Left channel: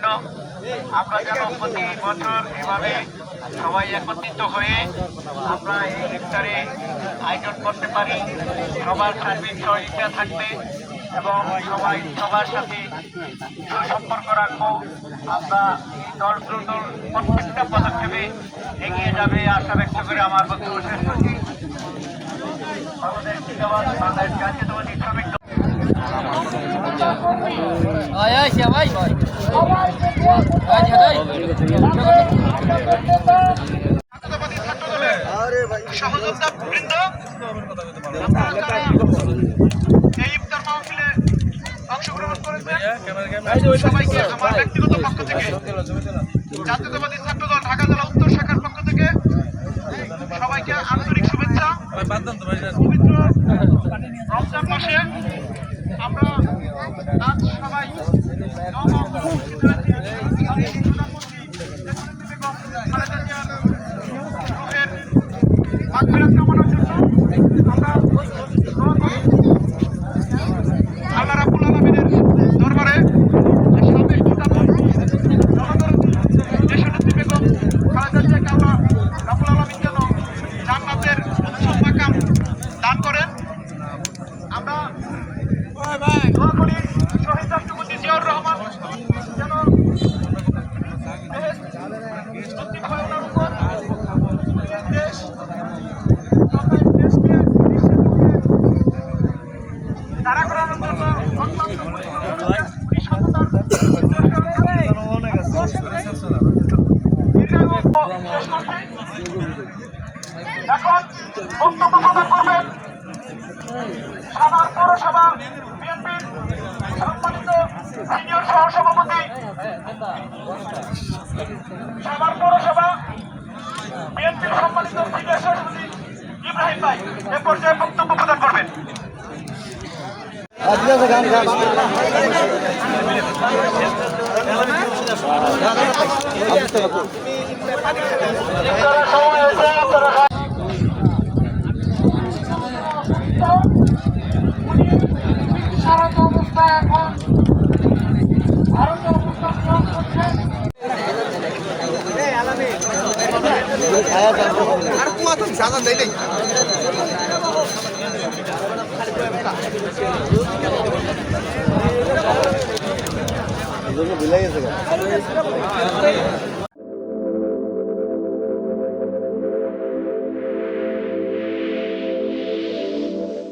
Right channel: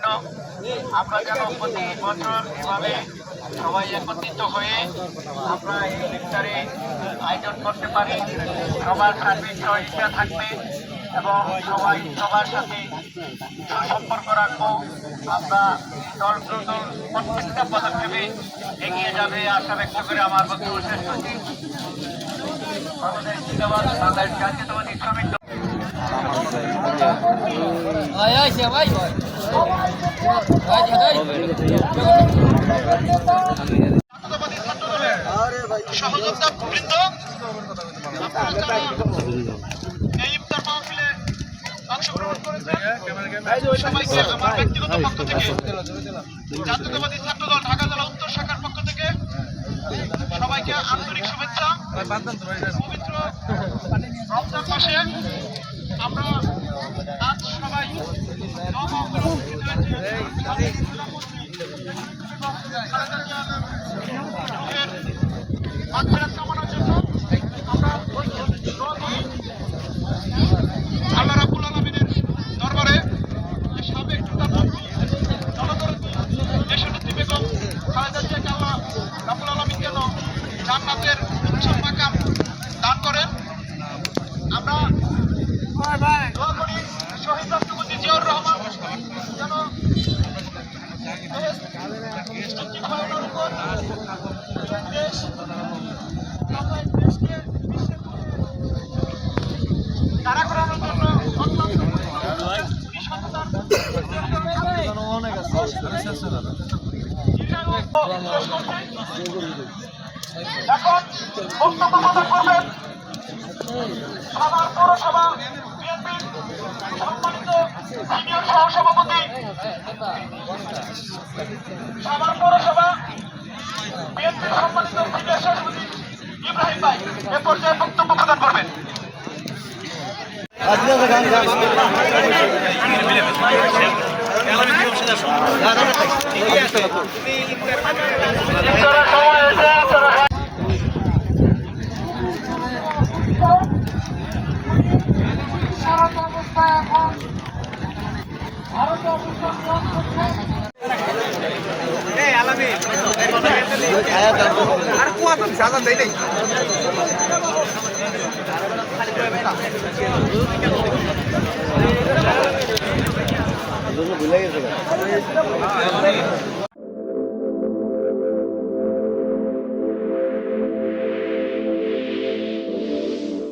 জন্য আমরা যেন প্রতি বছর এভাবে সবাই একত্রিত হয়ে আমরা এই ইফতারি আয়োজন করতে পারি। সবার সার্বিক সহযোগিতা থাকবে এবং সবাই সবার সাথে সুসম্পর্ক রাখবো। আমরা দল প্রত্যেকটা পদক্ষেপে এগিয়ে যাবে আশা ব্যক্ত করে আমার বক্তব্য শেষ করছি। বাংলাদেশ জিন্দাবাদ, বাংলাদেশ জাতীয়তাবাদী শ্রমিক দল। জাতীয়তাবাদী ছাত্র দলের সহযোদ্ধা বৃন্দ, আপনারা যারা এই ইফতার মাহফিলে অংশগ্রহণ করেছেন সবাইকে আমার ব্যক্তিগত পক্ষ থেকে, জাতীয়তাবাদী ছাত্র দল ঢাকা জেলা উত্তর শাখার পক্ষ থেকে সবাইকে আন্তরিক শুভেচ্ছা। পবিত্র রমজান মাসে আমরা আজ সবাই উপস্থিত হয়েছি খালেদা জিয়ার রুহের মাগফিরাত কামনার জন্য। আমরা দোয়া করি আল্লাহ রাব্বুল আলামিনের দরবারে সাবেক প্রধানমন্ত্রী জনদরদী দেশনেত্রী বেগম খালেদা জিয়াকে আল্লাহ রাব্বুল আলামিন যেন জান্নাতের উচ্চ মাকাম দান করেন। আমরা দোয়া করি শহীদ রাষ্ট্রপতি জিয়াউর রহমান যেন নসিব হয় ওনার উপর। দেশ দেশকে বিশ্বের মুখে তারা করানোর জন্য অত্যন্ত সাভার পৌরসভা বিএনপির সম্মানিত সিনিয়র সহসভাপতি, সাভার পৌরসভা বিএনপির সম্মানিত সিনিয়র সহসভাপতি ইব্রাহিম ভাই এ পর্যায়ে বক্তব্য প্রদান করবেন। সারাটা অবস্থা এখন ভারতীয় অবস্থান গ্রহণ করছেন। ভুলে গেছে